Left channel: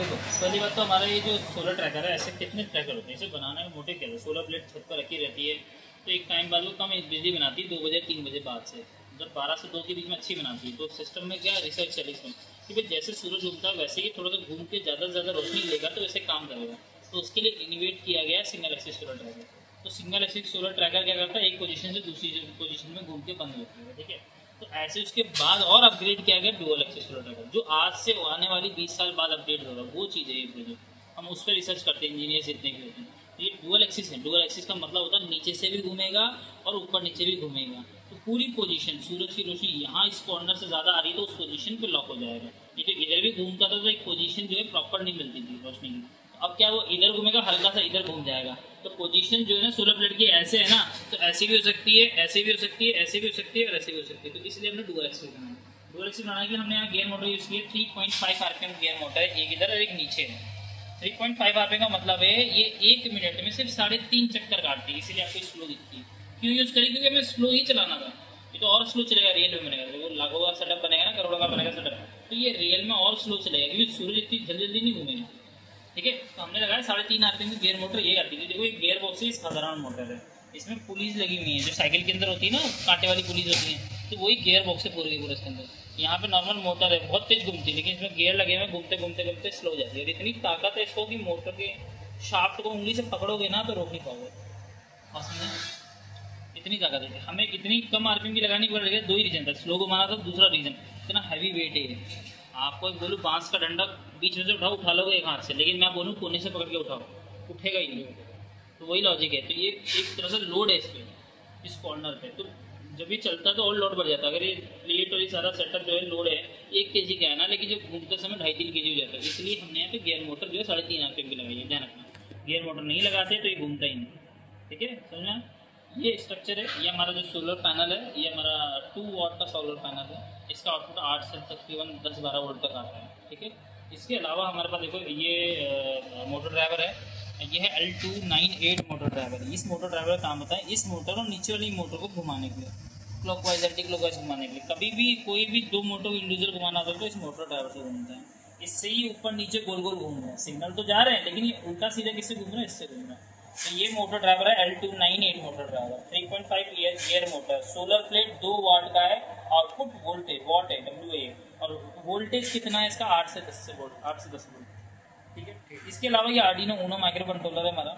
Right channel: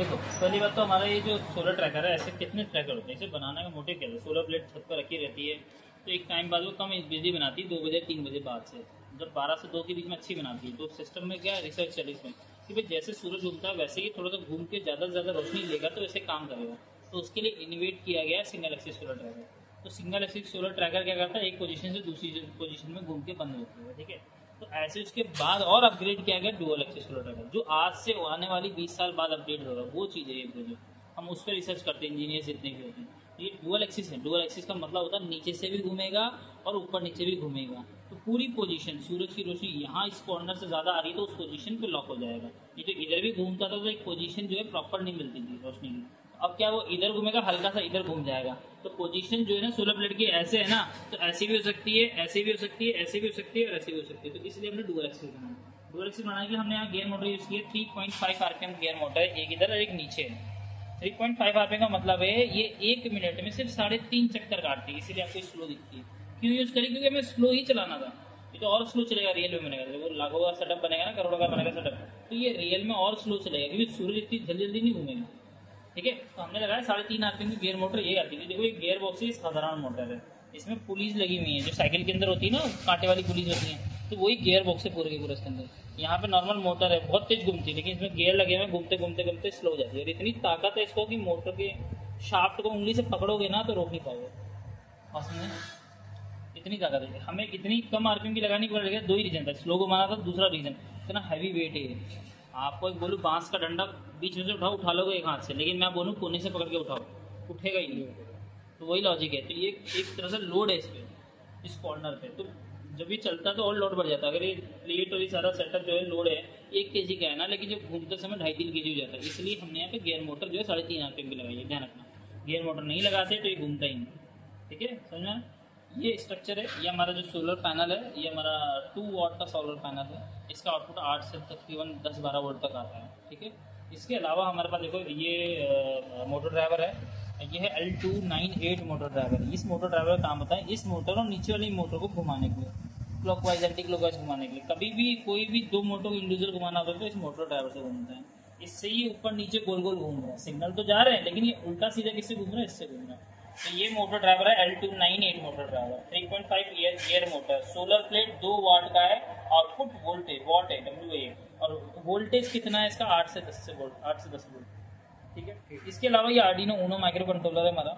देखो पहली बात तो हमारा ये जो सोलर ट्रैकर है, ऐसे कितने ट्रैकर होते हैं, इसे बनाने में मोटिव क्या है? सोलर प्लेट छत पर रखी रहती है तो एक टाइम बाद वो कम बिजली बनाती है, 2 बजे 3 बजे बाद से, मतलब 12 से 2 के बीच में अच्छी बनाती है। तो सिस्टम में क्या रिसर्च चली इसमें कि भाई जैसे सूरज उगता है वैसे ही थोड़ा सा घूम के ज़्यादा से ज़्यादा रोशनी लेगा तो वैसे काम करेगा। तो उसके लिए इनोवेट किया गया सिंगल एक्सिस सोलर ट्रैकर। तो सिंगल एक्सिस सोलर ट्रैकर क्या करता है, एक पोजीशन से दूसरी पोजीशन में घूम के बंद होती है, ठीक है। तो ऐसे उसके बाद और अपग्रेड किया गया डुअल एक्सिस सोलर ट्रैकर, जो आज से आने वाली 20 साल बाद अपडेट होगा, वो चीज़ है ये प्रोजेक्ट। हम उस पर रिसर्च करते हैं, इंजीनियर्स जितने भी होते हैं। ये डुअल एक्सिस है। डुअल एक्सिस का मतलब होता है नीचे से भी घूमेगा और ऊपर नीचे भी घूमेगा। तो पूरी पोजीशन, सूरज की रोशनी यहाँ इस कॉर्नर से ज़्यादा आ रही है तो उस पोजीशन पे लॉक हो जाएगा। ये जो इधर भी घूमता था तो एक पोजीशन जो है प्रॉपर नहीं मिलती थी रोशनी की। अब क्या वो इधर घूमेगा, हल्का सा इधर घूम जाएगा। तो पोजीशन जो है ना सोलर प्लेट की ऐसे है ना, तो ऐसी भी हो सकती है, ऐसे भी हो सकती है, ऐसे भी हो सकती है और ऐसे भी हो सकती है। तो इसलिए हमने डुअल एक्सिस बनाया। डुअल एक्सिस बनाने के लिए हमने यहाँ गेयर मोटर यूज़ किया। 3.5 आरपीएम गेयर मोटर है, एक इधर और एक नीचे है। 3.5 आरपीएम का मतलब है ये 1 मिनट में सिर्फ 3.5 चक्कर काटती है, इसीलिए आपको स्लो दिखती है। क्यों यूज़ करें? क्योंकि हमें स्लो ही चलाना था। ये तो और स्लो चलेगा रियल में बनेगा, वो लाखों का सेटअप बनेगा ना, करोड़ों का बनेगा सेटअप, तो ये रियल में और स्लो चलेगा क्योंकि सूरज इतनी जल्दी जल्दी नहीं घूमेगा, ठीक है। तो हमने लगाया 3.5 आरपीएम की गियर मोटर, ये आती है। देखो ये गियर बॉक्स है, साधारण मोटर है, इसमें पुलीज लगी हुई है जो साइकिल के अंदर होती है ना, कांटे वाली पुलीज होती है, तो वही गियर बॉक्स है पूरे के पूरे इसके अंदर। यहाँ पे नॉर्मल मोटर है, बहुत तेज घूमती है, लेकिन इसमें गियर लगे हुए, घूमते घूमते घूमते स्लो हो जाती है। और इतनी ताकत है इसको कि मोटर के शाफ्ट को उंगली से पकड़ोगे ना तो रोक नहीं पाओगे। हाँ समझे, इतनी ताकत है। हमें इतनी कम आरपीएम की लगानी पड़ रही है, 2 ही रीजन था, स्लो को माना था, दूसरा रीजन इतना हैवी वेट है। आपको एक बोलूँ बांस का डंडा बीच में से उठा लोगे एक हाथ से, लेकिन मैं बोलूँ कोने से पकड़ के उठाओ, उठेगा ही नहीं। तो वही लॉजिक है। तो ये एक तरह से लोड है इस पर, इस कॉर्नर पे। तो जब ये चलता है तो और लोड बढ़ जाता है। अगर ये प्लेट और ये सारा सेटअप जो है लोड है 1 kg का है ना, लेकिन जब घूमते समय 2.5-3 kg हो जाता है। इसलिए हमने यहाँ पे गियर मोटर जो है 3.5 आरपीएम की लगाई है, ध्यान रखना। गियर मोटर नहीं लगाते तो ये घूमता ही नहीं, ठीक है, समझ में? ये स्ट्रक्चर है, ये हमारा जो सोलर पैनल है, ये हमारा 2 वाट का सोलर पैनल है। इसका आउटपुट 8 से तकरीबन 10-12 वोल्ट तक आता है, ठीक है। इसके अलावा हमारे पास देखो ये मोटर ड्राइवर है, ये है L298 मोटर ड्राइवर। इस मोटर ड्राइवर का काम होता है इस मोटर और नीचे वाली मोटर को घुमाने के लिए, क्लॉकवाइज एंटी क्लॉकवाइज घुमाने के लिए। कभी भी कोई भी 2 मोटर इंडिविजुअल घुमाना होता है तो इस मोटर ड्राइवर से घूमता है। इससे ही ऊपर नीचे गोल गोल घूम रहा है, सिग्नल तो जा रहे हैं लेकिन ये उल्टा सीधा किससे घूम रहा है, इससे घूम रहा है। तो ये मोटर ड्राइवर है L298 motor driver, 3.5 gear motor, solar plate 2 वाट का है। आउटपुट वोल्टेज वाट है W, और वोल्टेज कितना है इसका 8 से 10 वोल्ट, 8 से 10 वोल्ट, ठीक है। इसके अलावा ये आर्डिनो ऊनो माइक्रो कंट्रोलर है हमारा,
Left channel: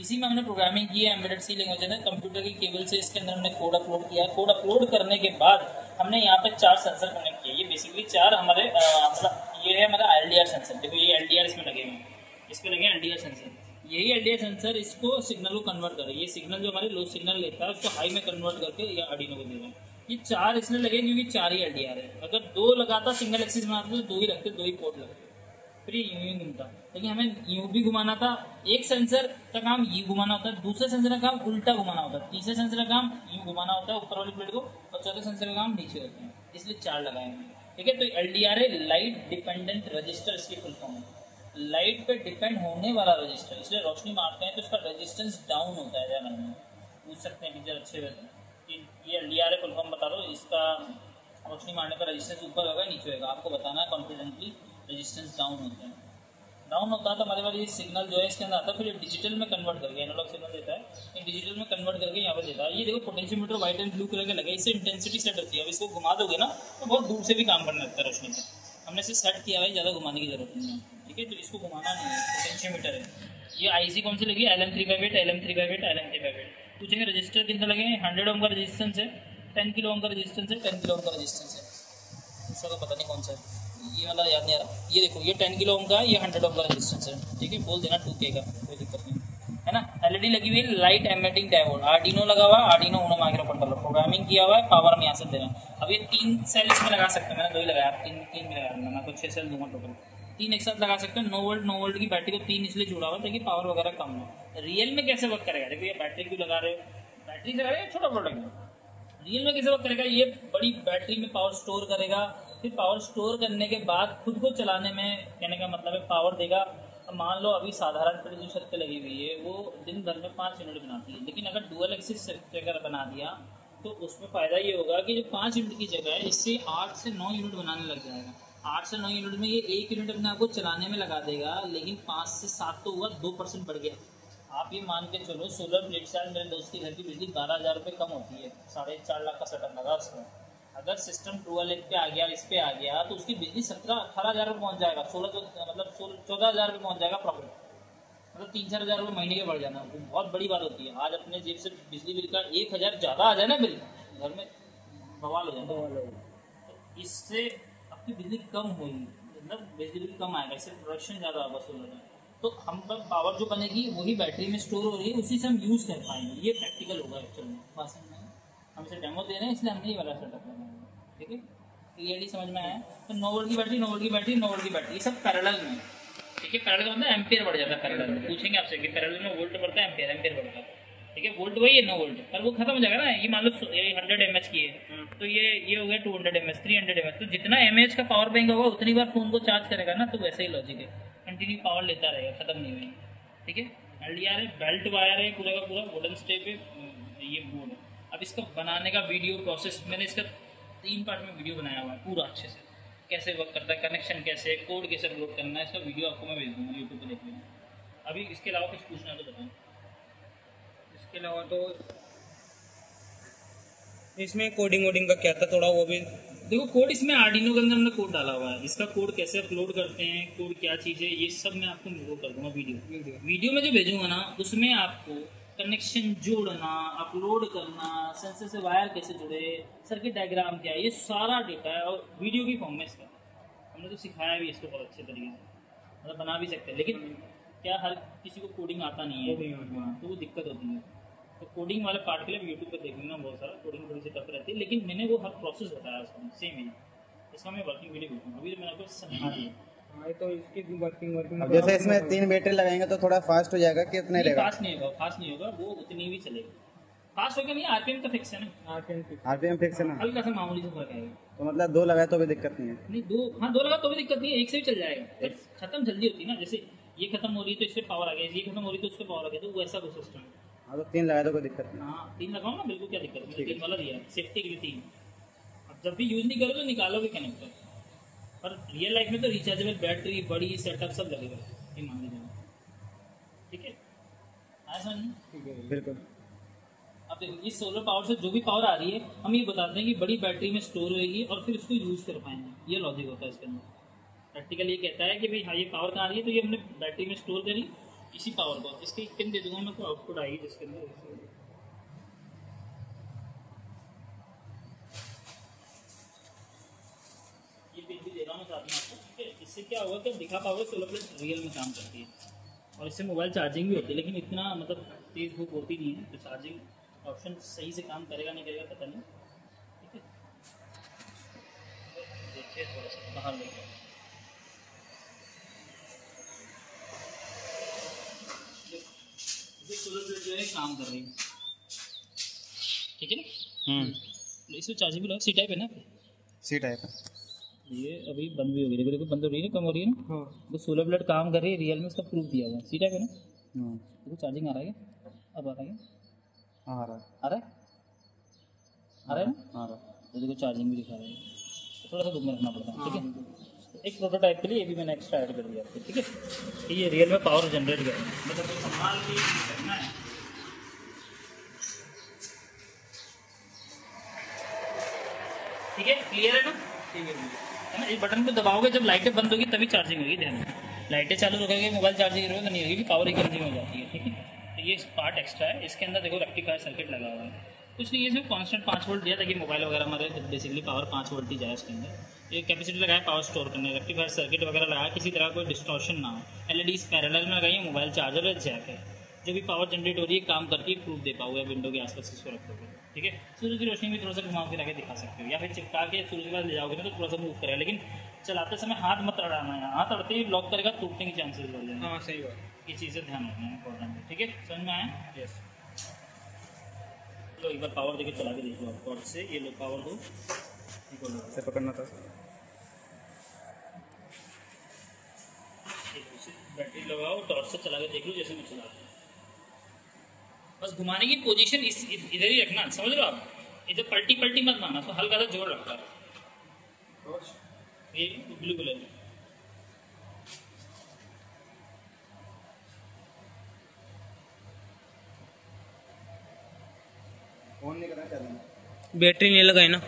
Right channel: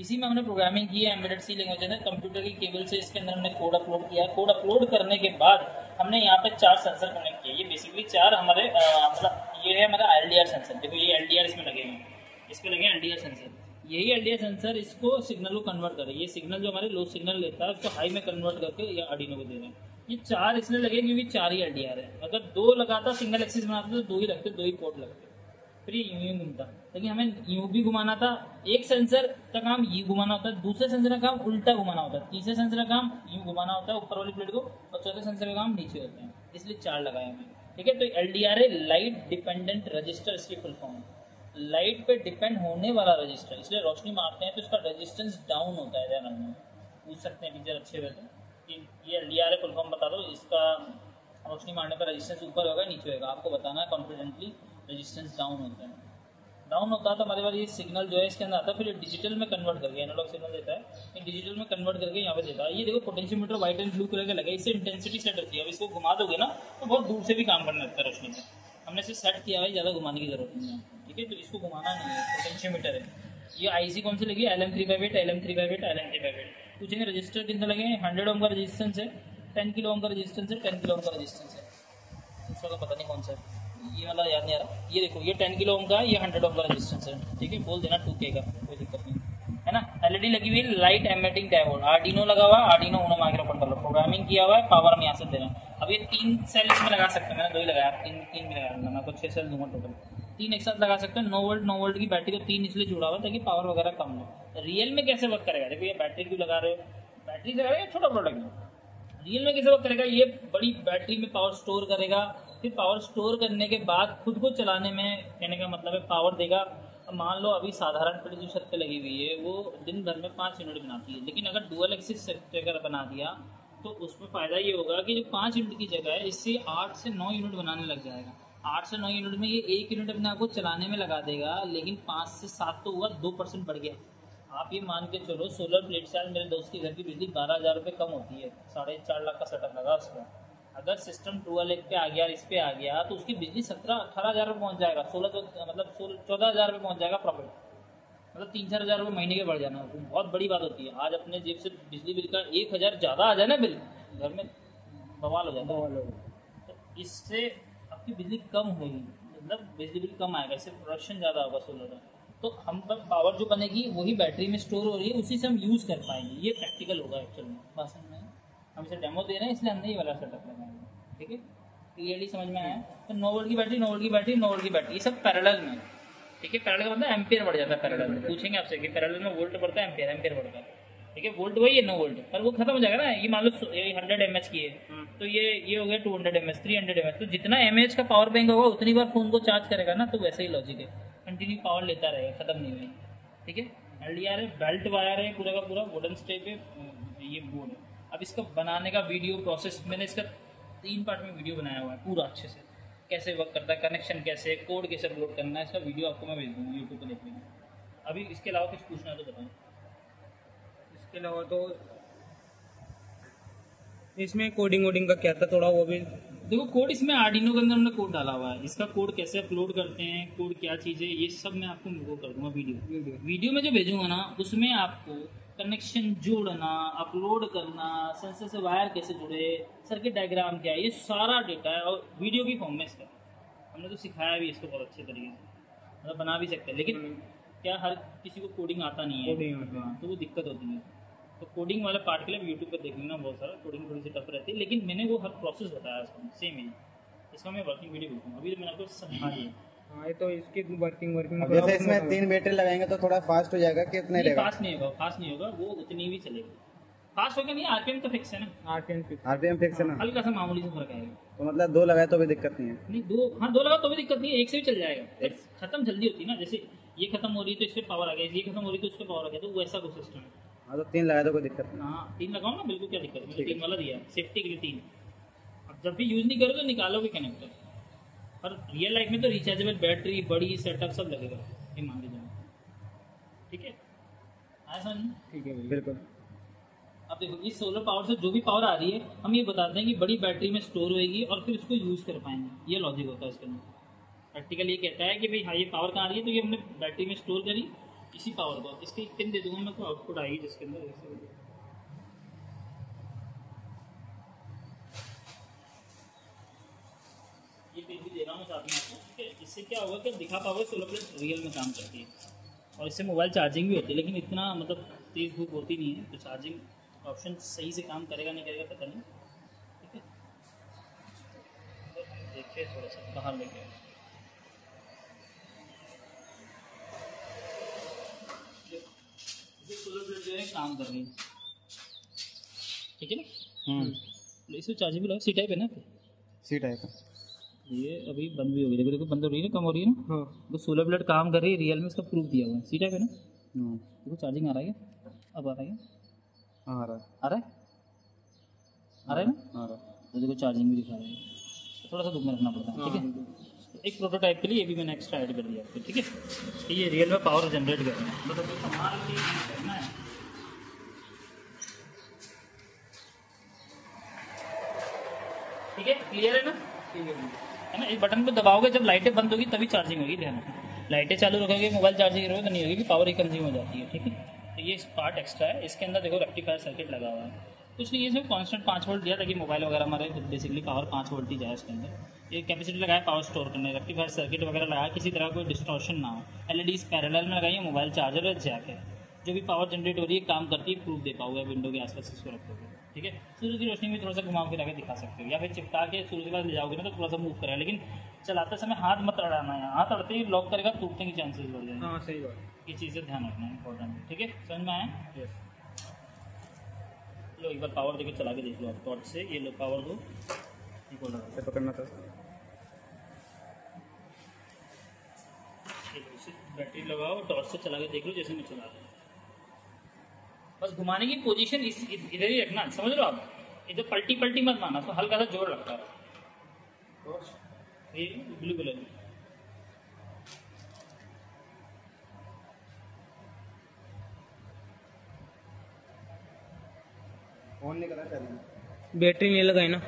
इसी में हमने प्रोग्रामिंग की है एम्बेडेड सी लैंग्वेज है। कंप्यूटर की केबल से इसके अंदर हमने कोड अपलोड किया। कोड अपलोड करने के बाद हमने यहाँ पे 4 सेंसर कनेक्ट किए। ये बेसिकली 4 हमारे ये है हमारा LDR सेंसर। देखो ये LDR इसमें लगे हुए हैं, इस पर लगे LDR सेंसर। यही LDR सेंसर इसको सिग्नल को कन्वर्ट करे। ये सिग्नल जो हमारे लो सिग्नल लेता है उसको हाई में कन्वर्ट करके ये आर्डिनो को दे रहे हैं। ये 4 इसलिए लगे क्योंकि 4 ही LDR है। अगर 2 लगाता सिंगल एक्सिस में आता तो 2 ही रखते, 2 ही पोर्ट लगते, फिर ये यूं ही घूमता। लेकिन हमें यूं भी घुमाना था, एक सेंसर का काम ये घुमाना होता है, दूसरे सेंसर का काम उल्टा घुमाना होता है, तीसरे सेंसर का काम यूं घुमाना होता है ऊपर वाली प्लेट को, और चौथे सेंसर का काम नीचे होते हैं, इसलिए 4 लगाए हैं, ठीक है। तो LDR है लाइट डिपेंडेंट रजिस्टर, इसकी फुल फॉर्म है। लाइट पे डिपेंड होने वाला रजिस्टर, इसलिए रोशनी मारते हैं तो उसका रेजिस्टेंस डाउन होता है। ध्यान रखना, पूछ सकते हैं टीचर अच्छे वैसे कि ये LDR है फुल फॉर्म बता दो, इसका रोशनी मारने का रेजिस्टेंस ऊपर होगा नीचे होगा, आपको बताना है कॉन्फिडेंटली। रेजिस्टेंस डाउन होता है, डाउन होता है तो हमारे पास ये सिग्नल जो है इसके अंदर आता है, फिर ये डिजिटल में कन्वर्ट करके, एनालॉग सिग्नल देता है, ये डिजिटल में कन्वर्ट करके यहाँ पे देता है। ये देखो potentiometer white and blue colour का लगा है, इससे इंटेंसिटी सेट होती है। अब इसको घुमा दोगे ना तो बहुत दूर से भी काम करने लगता है रोशनी में। हमने इसे सेट किया है, ज़्यादा घुमाने की जरूरत नहीं है, ठीक है। तो इसको घुमाना नहीं है, पोटेंशियोमीटर है। ये IC कौन सी लगी है? LM358, LM358, LM358। पूछेंगे रजिस्टर कितने लगे हैं? 100 ओम का रजिस्टेंस है, 10 किलो ओम का रजिस्टेंस है, 10 किलो ओम का रजिस्टेंस है, दूसरा का पता नहीं कौन सा है, ये वाला याद नहीं आ रहा। ये देखो ये 10 किलो ओम का, ये 100 ओम का रेजिस्टेंस है, ठीक है। बोल देना 2K का, कोई दिक्कत नहीं है ना। LED लगी हुई है, लाइट एमिटिंग डायोड, आर्डिनो लगा हुआ है, Arduino Uno micro controller, programming किया हुआ है, पावर हम यहाँ से दे रहा है। अब ये 3 सेल इसमें लगा सकते हैं, मैंने 2 ही लगाया, 3 भी लगाया, मैं तो 6 सेल दूंगा टोटल, 3 एक साथ लगा सकते हैं। 9 वोल्ट की बैटरी को 3 इसलिए जुड़ा हुआ ताकि पावर वगैरह कम हो। रियल में कैसे वर्क करेगा? देखो ये बैटरी क्यों लगा रहे हो, बैटरी लगा रहे हो, छोटा प्रोडक्ट है। रियल में कैसे वर्क करेगा? ये बड़ी बैटरी में पावर स्टोर करेगा, फिर पावर स्टोर करने के बाद खुद को चलाने में, कहने का मतलब है पावर देगा। अब मान लो अभी साधारण प्लेट जो छत पे लगी हुई है वो दिन भर में 5 यूनिट बनाती है, लेकिन अगर डुअल एक्सिस ट्रैकर बना दिया तो उसमें फ़ायदा ये होगा कि जो 5 यूनिट की जगह है इससे 8 से 9 यूनिट बनाने लग जाएगा। 8 से 9 यूनिट में ये 1 यूनिट अपने आपको चलाने में लगा देगा, लेकिन 5 से 7 तो हुआ, 2% बढ़ गया। आप ये मान के चलो सोलर प्लेट से आज मेरे दोस्त के घर की बिजली 12,000 रुपये कम होती है, 4.5 लाख का सेटअप लगा उसको। अगर सिस्टम ट्रू वाले पे आ गया, इस पे आ गया, तो उसकी बिजली 17-18 हज़ार रुपये पहुँच जाएगा, 14 हज़ार रुपये पहुँच जाएगा प्रॉफिट। मतलब 3-4 हज़ार रुपये महीने के बढ़ जाना तो बहुत बड़ी बात होती है। आज अपने जेब से बिजली बिल का 1,000 ज़्यादा आ जाए ना बिल, घर में बवाल हो जाता है। तो इससे आपकी बिजली कम होगी, मतलब बिजली बिल कम आएगा, इससे प्रोडक्शन ज़्यादा होगा सोलर में। तो हम पर पावर जो बनेगी वही बैटरी में स्टोर हो रही है, उसी से हम यूज़ कर पाएंगे। ये प्रैक्टिकल होगा एक्चुअल में। बस हम इसे डेमो दे रहे हैं, इसलिए हमने ये वाला सेटअप लगाया। ठीक है, क्लियरली समझ में आया। तो 9 वोल्ट की बैटरी, 9 वोल्ट की बैटरी, 9 वोल्ट की बैटरी, ये सब पैरेलल में। ठीक है, पैरेलल का मतलब एम्पियर बढ़ जाता है। पैरेलल में पूछेंगे आपसे कि पैरेलल में वोल्ट बढ़ता है, एम्पियर बढ़ता है। ठीक है, वोल्ट वही है 9 वोल्ट, पर वो खत्म हो जाएगा ना। ये मान लो 100 mAh की है, तो ये हो गया 200 mAh, 300 mAh। तो जितना mAh का पावर बैंक होगा उतनी बार फोन को चार्ज करेगा ना, तो वैसे ही लॉजिक है, कंटिन्यू पावर लेता रहेगा, खत्म नहीं होगी। ठीक है, LDR है, बेल्ट वायर है, पूरा का पूरा वुडन स्ट्रिप है, ये बोर्ड है। अब इसका बनाने का वीडियो प्रोसेस मैंने इसका 3 पार्ट में वीडियो बनाया हुआ है पूरा अच्छे से, कैसे वर्क करता है, कनेक्शन कैसे, कोड कैसे अपलोड करना है, इसका वीडियो आपको मैं भेज दूँगा यूट्यूब पर देखने। अभी इसके अलावा कुछ पूछना है तो बताऊँ। इसके अलावा तो इसमें कोडिंग वोडिंग का क्या था, थोड़ा वो भी देखो। कोड इसमें आर्डिनो के अंदर हमने कोड डाला हुआ है, इसका कोड कैसे अपलोड करते हैं, कोड क्या चीज़ है, ये सब मैं आपको वो कर दूँगा वीडियो में जो भेजूँगा ना, उसमें आपको कनेक्शन जोड़ना, अपलोड करना, सेंसर से वायर कैसे जुड़े, सर्किट डायग्राम क्या है, ये सारा डेटा है और वीडियो की फॉर्म में इसका हमने तो सिखाया भी इसको बहुत अच्छे तरीके से, मतलब बना भी सकते हैं। लेकिन क्या हर किसी को कोडिंग आता नहीं है, तो वो दिक्कत होती है। तो कोडिंग वाले पार्ट के लिए यूट्यूब पे देख लेना, बहुत सारा कोडिंग थोड़ी सी टफ रहती है, लेकिन मैंने वो हर प्रोसेस बताया उसमें सेम ही। इसका मैं वर्किंग वीडियो भेजूँगा, अभी तो मैंने आपको समझा दिया। तो इसकी वर्किंग अब जैसे इसमें 3 बैटरी लगाएंगे तो थोड़ा फास्ट हो जाएगा कि इतना रहेगा? फास्ट नहीं होगा, वो उतनी भी चलेगी। फास्ट होगा नहीं, आरपीएम तो फिक्स है ना, आरपीएम फिक्स है ना, हल्का सा मामूली से फर्क आएगा। तो मतलब 2 लगाए तो भी दिक्कत नहीं है? नहीं, 2 लगा तो भी दिक्कत नहीं है, एक से भी चल जाएगा। खत्म जल्दी होती है ना, जैसे ये खत्म हो रही है तो इससे पावर आ गया, ये खत्म हो रही है तो उसके पावर आ गया, तो वैसा कुछ सिस्टम है। हाँ, तो 3 लगाए तो कोई दिक्कत नहीं। हाँ, 3 लगाओ ना, बिल्कुल क्या दिक्कत है, 3 वाला दिया है सेफ्टी के लिए 3। अब जब भी यूज़ नहीं करोगे निकालोगे कनेक्टर। और रियल लाइफ में तो रिचार्जेबल बैटरी, बड़ी सेटअप सब लगेगा, ये मान लीजिए। ठीक है, आया समझ में? ठीक है, बिल्कुल। अब देखो, इस सोलर पावर से जो भी पावर आ रही है हम ये बताते हैं कि बड़ी बैटरी में स्टोर होएगी और फिर उसको यूज़ कर पाएंगे, ये लॉजिक होता है इसके अंदर। प्रैक्टिकल ये कहता है कि भाई हाँ, ये पावर कहाँ आ रही है, तो ये हमने बैटरी में स्टोर करी इसी पावर को। इसकी एक पिन दे दूंगा मैं, कोई आउटपुट आएगी जिसके अंदर ये पिन भी दे रहा हूँ साथ में आपको। इससे क्या होगा कि दिखा पाओगे सोलर प्लेट रियल में काम करती है, और इससे मोबाइल चार्जिंग भी होती है, लेकिन इतना मतलब तेज़ धूप होती नहीं है, तो चार्जिंग ऑप्शन सही से काम करेगा नहीं करेगा पता नहीं। ठीक है, देखिए थोड़ा सा बाहर लेके सोलर प्लेट जो है काम कर रही है। ठीक है ना, इसमें चार्जिंग भी लगा, सी टाइप है ना, सी टाइप है ये। अभी बंद भी हो गई, देखो देखो बंद हो रही है, कम हो रही है ना। हाँ, तो सोलर प्लेट काम कर रही है, रियल में इसका प्रूफ दिया हुआ है, सी टाइप है ना। देखो चार्जिंग आ रहा है, अब आ रहा है, आ रहा है, आ रहा है, आ रहा है ना, आ रहा है। तो देखो चार्जिंग भी दिखा रहा है, तो थोड़ा सा दूर में रखना पड़ता है। ठीक है, तो एक प्रोटोटाइप के लिए ये भी मैंने एक्स्ट्रा ऐड कर दिया आपको। ठीक है, ये रियल में पावर जनरेट कर रहा है, मतलब संभाल के करना है। ठीक है, क्लियर है ना? ठीक है ना। इस बटन पे दबाओगे, जब लाइटें बंद होगी तभी चार्जिंग होगी, ध्यान रखना। लाइटें चालू रखोगे, मोबाइल चार्जिंग करोगे तो नहीं होगी, पावर ही कंज्यूम हो जाती है। ठीक है, तो ये पार्ट एक्स्ट्रा है। इसके अंदर देखो रेक्टिफायर सर्किट लगा हुआ है, कुछ नहीं, इसमें कांस्टेंट 5 वोल्ट दिया ताकि मोबाइल वगैरह हमारे बेसिकली पावर 5 वोल्ट ही जाए उसके अंदर। ये कैपेसिटी लगाया पावर स्टोर करने, रेक्टिफायर सर्किट वगैरह लगाया, किसी तरह कोई डिस्टॉर्शन ना हो। LEDs पैरेलल में लगाई है, मोबाइल चार्जर है, जैक है, जो भी पावर जनरेट हो रही है काम करती है, प्रूफ दे पाओगे विंडो के आसपास इसको रखोगे। ठीक है, सूरज की रोशनी में थोड़ा सा घुमा फिरा के दिखा सकते हो, या फिर चिपका के सूरज के पास ले जाओगे ना तो थोड़ा सा मूव करेगा, लेकिन चलाते समय हाथ मत अड़ाना है, हाथ अड़ते ही लॉक करेगा, टूटने की चांसेस बढ़ जाएंगे। हाँ सही बात, ये चीज़ें ध्यान रखना है, इंपॉर्टेंट है। ठीक है, समझ में आया? यस। लो एक बार पावर देके चला के देख लो टॉर्च से, ये लो पावर दो, से पकड़ना था। बैटरी लगाओ, टॉर्च से चला के देख लो जैसे मैं चलाता हूँ। बस घुमाने की पोजीशन इधर ही रखना, समझ लो आप। इधर पलटी मत मारना, तो हल्का सा जोर रखता है। ये ब्लू कलर में। फोन नहीं करना चाहिए। बैटरी नहीं लगाई ना?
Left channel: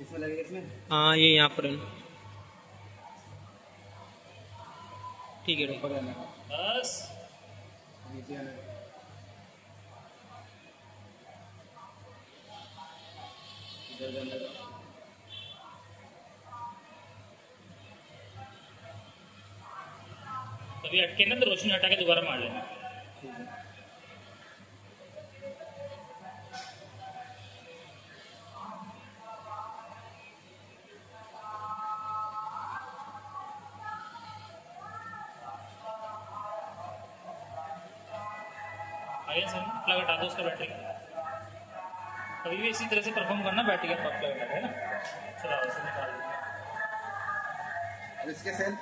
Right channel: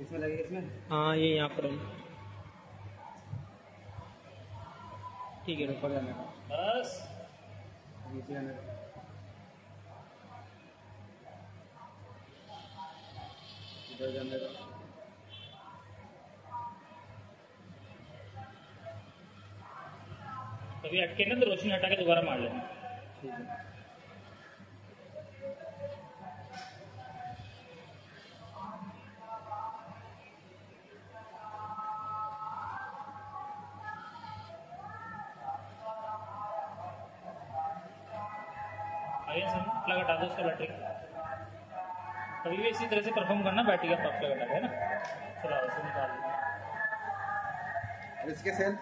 इसमें लगेगा इसमें। हाँ ये यहाँ पर है। ठीक है ऊपर जाना है। बस नीचे आना है। इधर जाना है। कभी अटके ना तो रोशनी हटा के दोबारा मार लेना। ठीक है। आगे से प्लग हटा दो उसका बैटरी। कभी भी इसी तरह से परफॉर्म करना, बैटरी का प्लग हटा है ना। चलो इसे निकाल दो। अब इसके सेल